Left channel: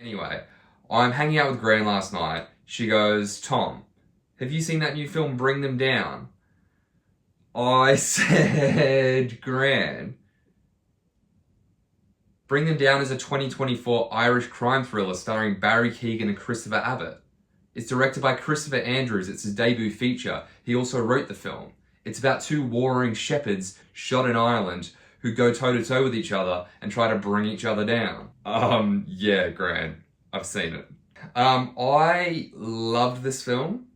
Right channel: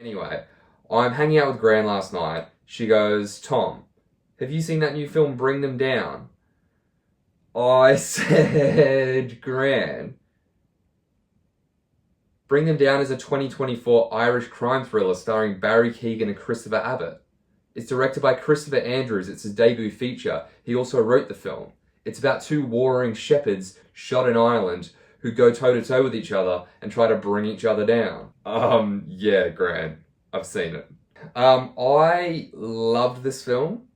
Anyway, I'm hanging out with Gran last night. She goes, Tom, have you seen that new film, Bring Them Down? I said, Gran, Bring Them Down is a 2024 Irish crime thriller starring Barry Keegan and Christopher Abbott. It's directed by Christopher Andrews. It's his debut feature. He also wrote the film. It's about two warring shepherds shot in Ireland who go toe-to-toe with each other and try to bring each other down. Yeah, Gran, I've seen it. I loved this film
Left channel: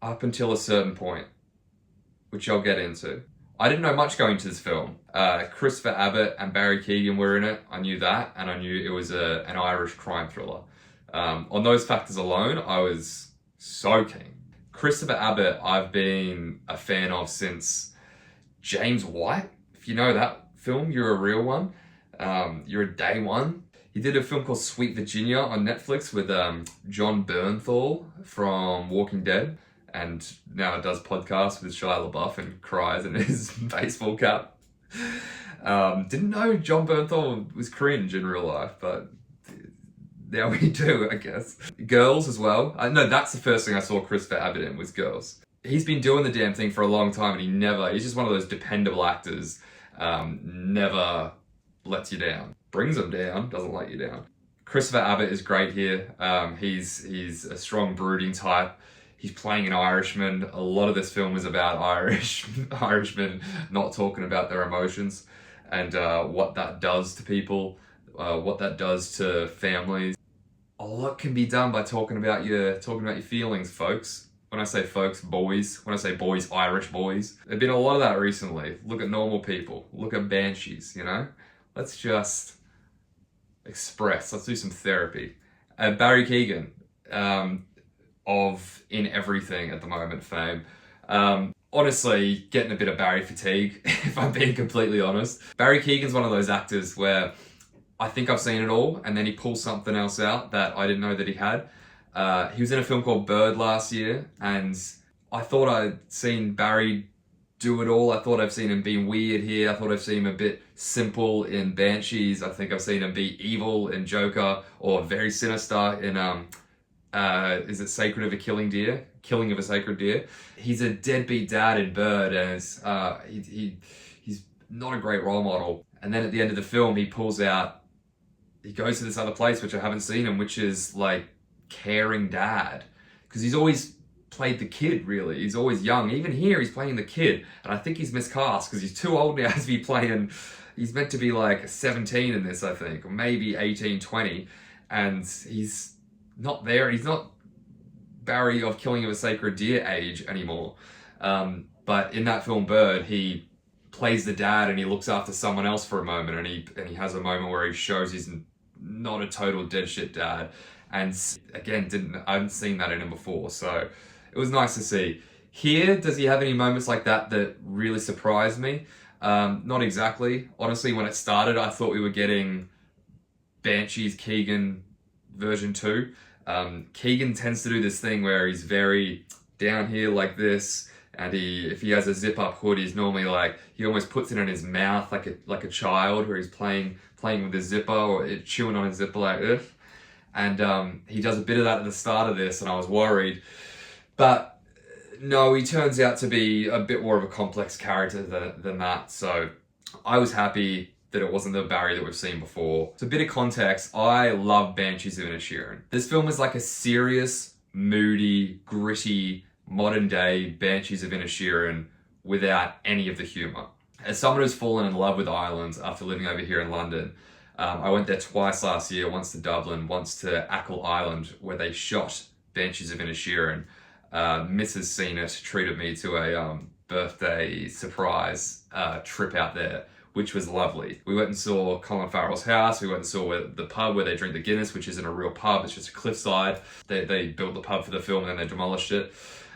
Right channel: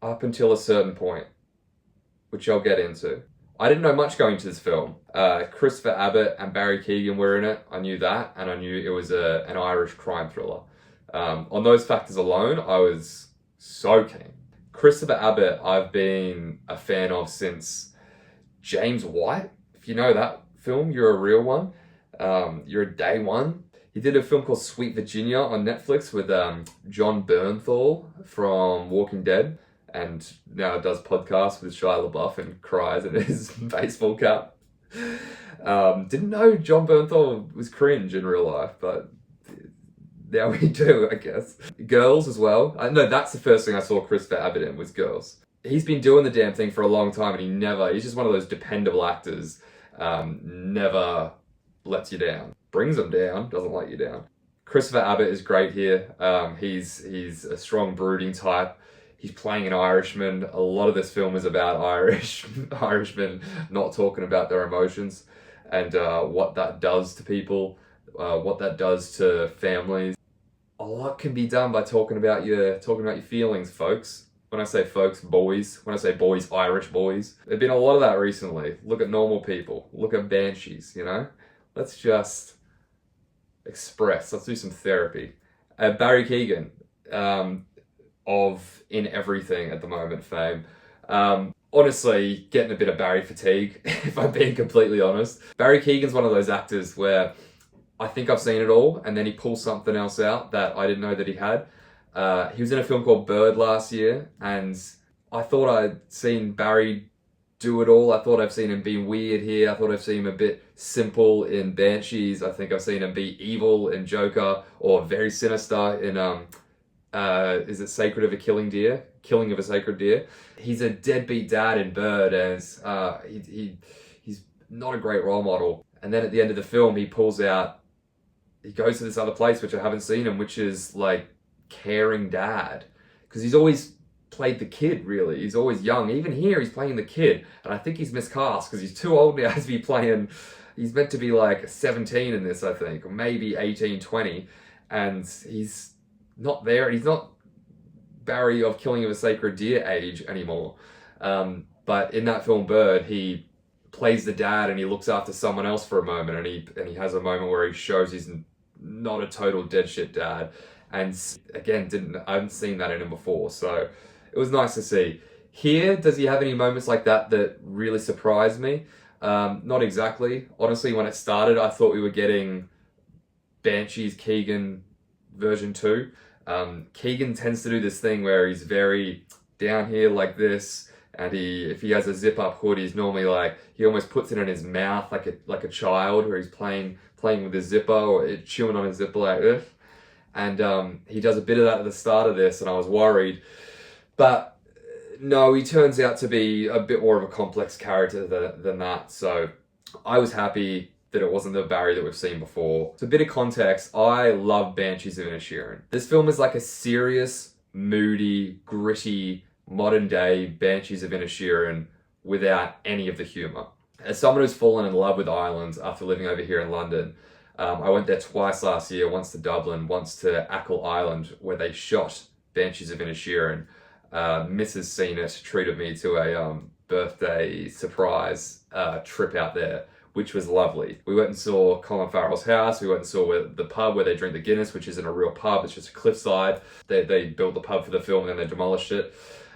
up until a certain point, which I'll get into. I didn't know much going to this film. Christopher Abbott and Barry Keegan were in it. I knew that, and I knew it was an Irish crime thriller. On those factors alone, I was so keen. Christopher Abbott, I've been a fan of since James White. If you know that film, you're a real one. You're a day one. He did a film called Sweet Virginia on Netflix with John Bernthal from Walking Dead, and now does podcasts with Shia LaBeouf and cries in his baseball cap. Didn't know John Bernthal was cringe in real life, but now we do, I guess. Girls as well. I know that's the first thing I saw Christopher Abbott in, was Girls. He's been doing the damn thing for a long time, and he's just one of those dependable actors, never lets you down. Brings them down, doesn't let you down. Christopher Abbott is great here. He's a strong, brooding type. He's playing an Irishman. A lot of this film is about Irishmen not talking about their emotions and what that does to people, what that does to families. A lot can be done by talking about your feelings, folks. When I say folks, boys. When I say boys, Irish boys. There's been a lot of that recently. Look at normal people. Look at banshees, you know? Let's just express. Let's do some therapy. Barry Keegan, of In Everything at the moment fame. Honestly, getting a bit of Barry fatigue, if I'm being completely honest. Barry Keegan's one of those actors where I think I've seen it all, and then he pulls something else out that I didn't know that he had. He was in a film called Bird last year, and I thought I'd seen Barry do it all. I thought I've seen him being weird here. I thought I've seen him a bit simple in Banshees. I think I've seen him be evil in Joker, or very sinister in is it Sacred of a Killing Deer? Killing of a Sacred Deer. He's a deadbeat dad in Bird, and he's not a great role model. And then at the end of the film, he goes to this other place, which I haven't seen him, which is like caring dad. Because he's always played the kid, really. He's always young. Even here, he's playing the kid. And I think he's miscast because he's too old now to be playing. He's meant to be like 17 in this, I think, or maybe 18, 20. And he's not there. He's not Barry of Killing of a Sacred Deer age anymore. But in that film, Bird, he plays the dad and he looks after someone else for a moment, and he has a moment where he shows he's not a total dead shit dad. And again, I haven't seen that in him before, so it was nice to see. Here, does he have any moments like that really surprised me? Not exactly. Honestly, when it started, I thought we were getting Banshees Keegan version 2. Keegan tends to do this thing where he's very down here like this, and if he has a zip-up hood, he's normally like, he almost puts it in his mouth like a child, where he's playing with his zipper or chewing on his zipper like this. And he does a bit of that at the start of this, and I was worried. But no, he turns out to be a bit more of a complex character than that. So I was happy that it wasn't the Barry that we've seen before. So a bit of context, I love Banshees of Inisherin. This film is like a serious, moody, gritty, modern day Banshees of Inisherin without any of the humor. As someone who's fallen in love with Ireland after living over here in London, I went there twice last year, once to Dublin, once to Achill Island, where they shot Banshees of Inisherin. Mrs. Seen It treated me to a birthday surprise trip out there, which was lovely. We went and saw Colin Farrell's house. We went and saw the pub where they drink the Guinness, which isn't a real pub, it's just a cliffside. They built the pub for the film and then they demolished it.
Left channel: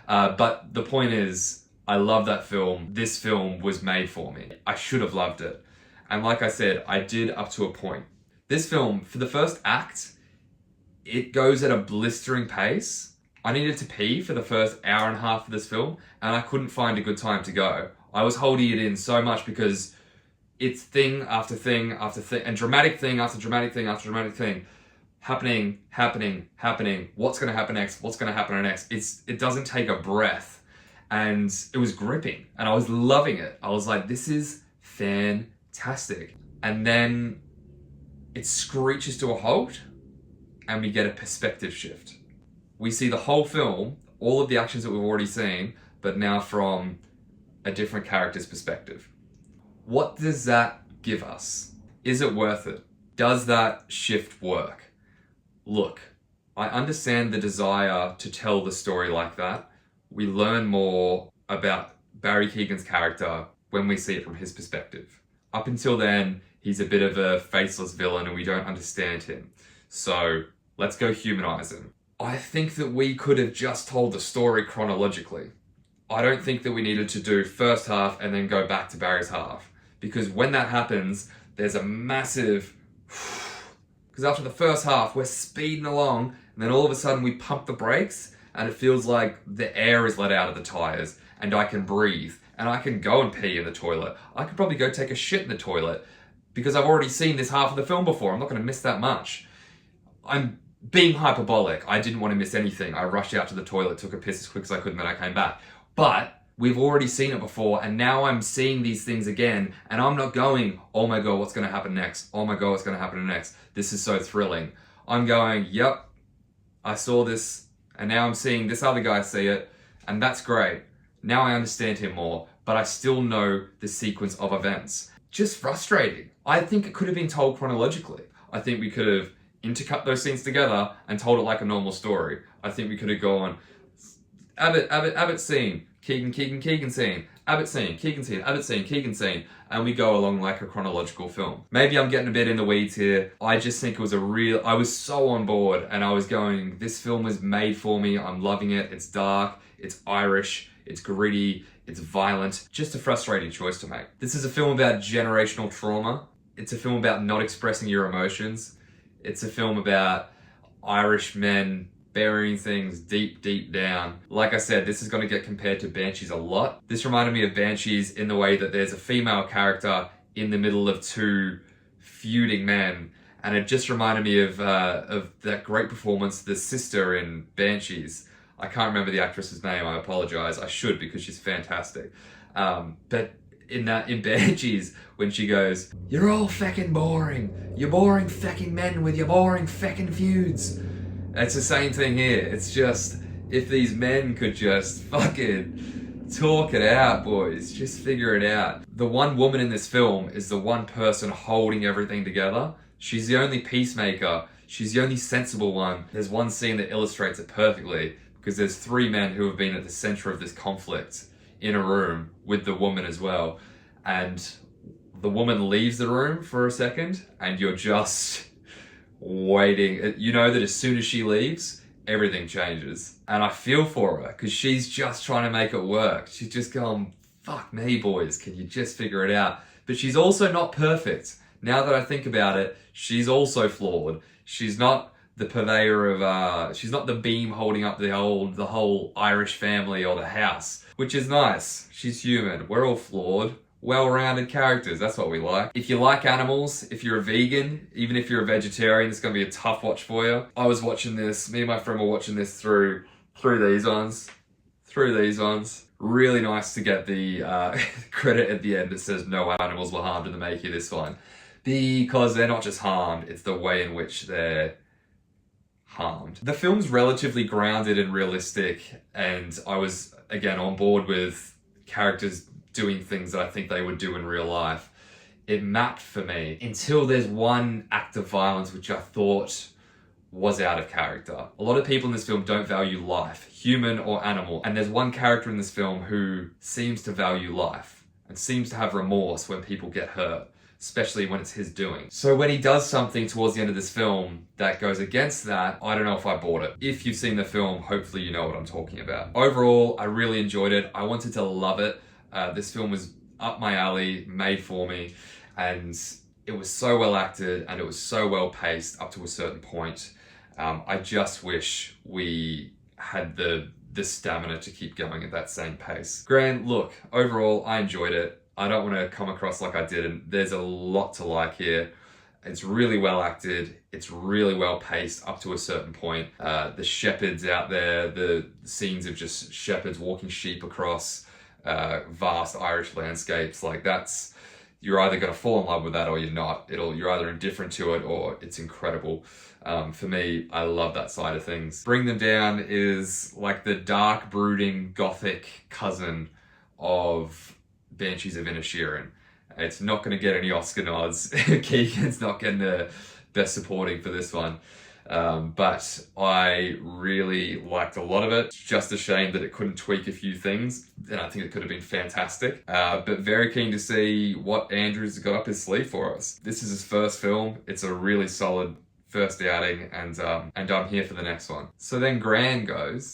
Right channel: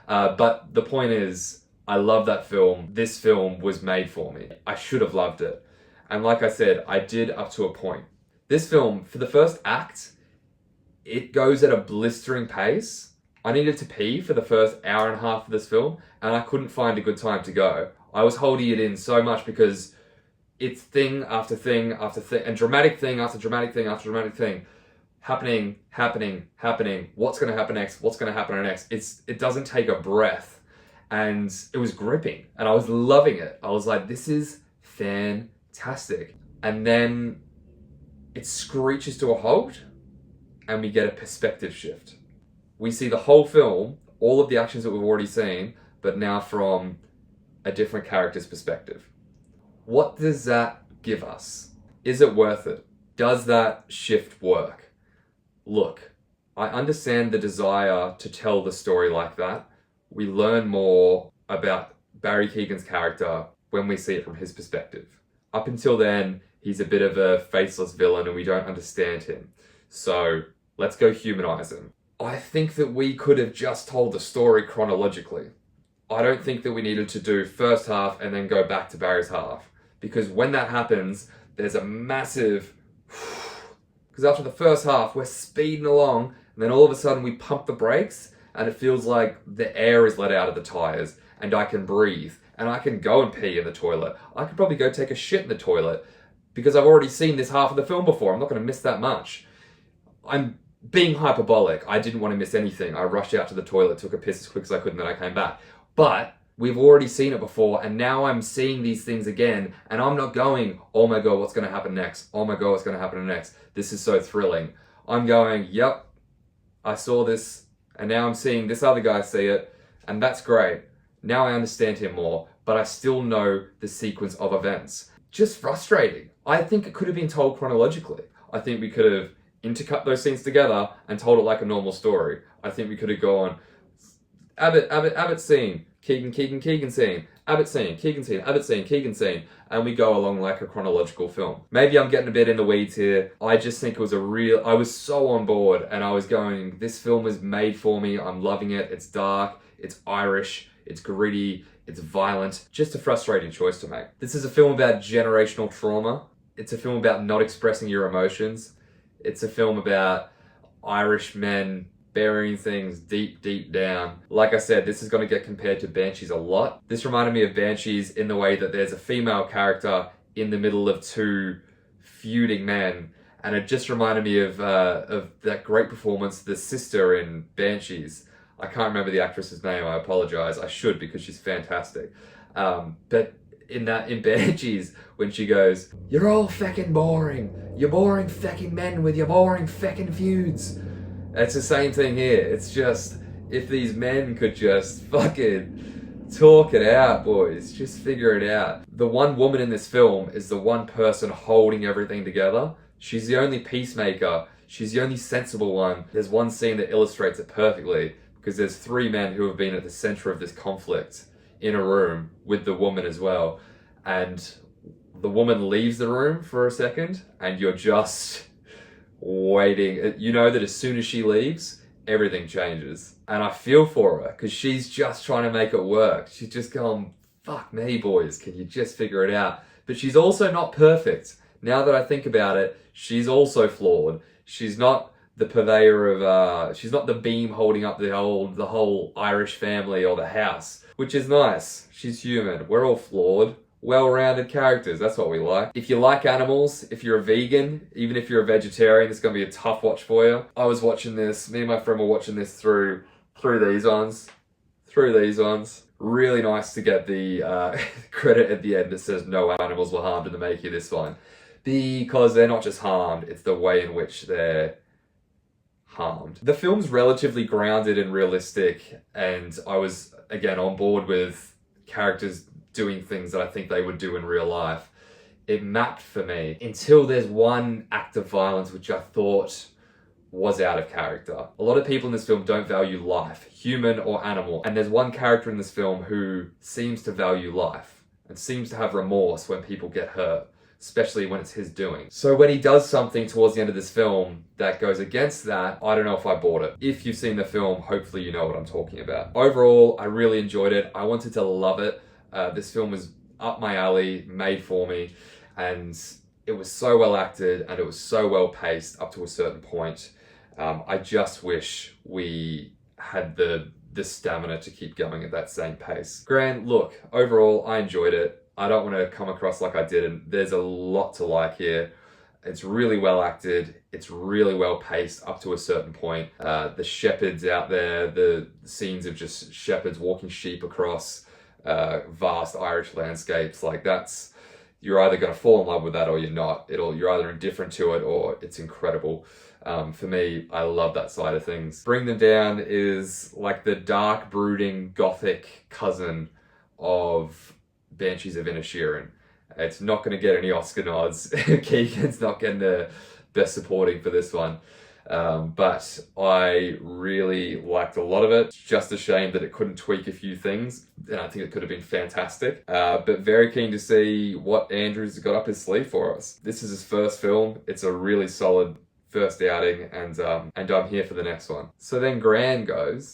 But the point is, I love that film. This film was made for me. I should have loved it. And like I said, I did up to a point. This film, for the first act, it goes at a blistering pace. I needed to pee for the first hour and a half of this film, and I couldn't find a good time to go. I was holding it in so much because it's thing after thing after thing, and dramatic thing after dramatic thing after dramatic thing happening. What's going to happen next? What's going to happen next? It doesn't take a breath. And it was gripping and I was loving it. I was like, this is fantastic. And then it screeches to a halt and we get a perspective shift. We see the whole film, all of the actions that we've already seen, but now from a different character's perspective. What does that give us? Is it worth it? Does that shift work? Look, I understand the desire to tell the story like that. We learn more about Barry Keoghan's character when we see it from his perspective. Up until then, he's a bit of a faceless villain and we don't understand him. So let's go humanize him. I think that we could have just told the story chronologically. I don't think that we needed to do first half and then go back to Barry's half. Because when that happens, there's a massive... Because after the first half, we're speeding along and then all of a sudden we pump the brakes and it feels like the air is let out of the tires and I can breathe and I can go and pee in the toilet. I could probably go take a shit in the toilet because I've already seen this half of the film before. I'm not going to miss that much. I'm being hyperbolic. I didn't want to miss anything. I rushed out to the toilet, took a piss as quick as I could, and then I came back. But we've already seen it before, and now I'm seeing these things again, and I'm not going, oh my God, what's going to happen next? Oh my God, what's going to happen next? This is so thrilling. I'm going, yep, I saw this, and now I'm seeing this other guy see it, and that's great. Now I understand him more, but I still know the sequence of events. Just frustrating. I think it could have been told chronologically. I think we could have intercut those scenes together and told it like a normal story. I think we could have gone, Abbott scene, Keegan scene, Abbott scene, Keegan scene, Abbott scene, Keegan scene, and we go along like a chronological film. Maybe I'm getting a bit in the weeds here. I just think it was I was so on board and I was going, this film was made for me. I'm loving it. It's dark, it's Irish, it's gritty, it's violent. Just a frustrating choice to make. This is a film about generational trauma. It's a film about not expressing your emotions. It's a film about Irish men burying things deep, deep down. Like I said, this is going to get compared to Banshees a lot. This reminded me of Banshees in the way that there's a female character in the middle of two feuding men. And it just reminded me of that great performance, the sister in Banshees. I can't remember the actress's name, I apologize. I should because she's fantastic. But in Banshees, when she goes, you're all feckin' boring. You're boring feckin' men with your boring feckin' feuds. It's the same thing here. It's just, if these men could just fucking talk it out, boys. Just figure it out. The one woman in this film is the one person holding everything together. She's the only peacemaker. She's the only sensible one. There's one scene that illustrates it perfectly because there's three men who have been at the center of this conflict in a room with the woman as well. And the woman leaves the room for a second and you're just waiting. You know that as soon as she leaves, everything changes. And I feel for her because she's just trying to make it work. She's just going, fuck me, boys, can you just figure it out? But she's also not perfect. Now that I think about it, she's also flawed. She's not the purveyor of, she's not the beam holding up the whole Irish family or the house, which is nice. She's human. We're all flawed. Well-rounded characters, that's what we like. If you like animals, if you're a vegan, even if you're a vegetarian, it's gonna be a tough watch for you. I was watching this, me and my friend were watching this through these ones. Really nice to get the credit at the end that says no animals were harmed in the making of this one. Because they're not just harmed, it's the way in which they're harmed. The film's relatively grounded and realistic, and I was, again, on board with characters doing things that I think they would do in real life. It mapped for me until there's one act of violence which I thought was out of character. A lot of people in this film don't value life, human or animal, and there's one character in this film who seems to value life and seems to have remorse when people get hurt, especially when it's his doing. So when he does something towards the end of this film that goes against that, I don't know if I bought it. If you've seen the film, hopefully you know what I'm talking about. Overall, I really enjoyed it. I wanted to love it. This film was up my alley, made for me, and it was so well acted and it was so well paced up to a certain point. I just wish we had the stamina to keep going at that same pace. Grant, look, overall, I enjoyed it. I don't want to come across like I didn't. There's a lot to like here. It's really well acted. It's really well paced up to a certain point. The shepherds out there, the scenes of just shepherds walking sheep across vast Irish landscapes, like you're either going to fall in love with that or you're not. You're either indifferent to it or it's incredible. For me, I love that side of things. Bring Them Down is like the dark, brooding, gothic cousin of Banshees of Inisherin. It's not going to get any Oscar nods. Keegan's not getting the best supporting for this one. But I really liked a lot of it. It's just a shame that it couldn't tweak a few things, and I think it could have been fantastic. But very keen to see what Andrew's got up his sleeve for us. This is his first film. It's a really solid first outing, and I'm here for the next one. So then Gran goes,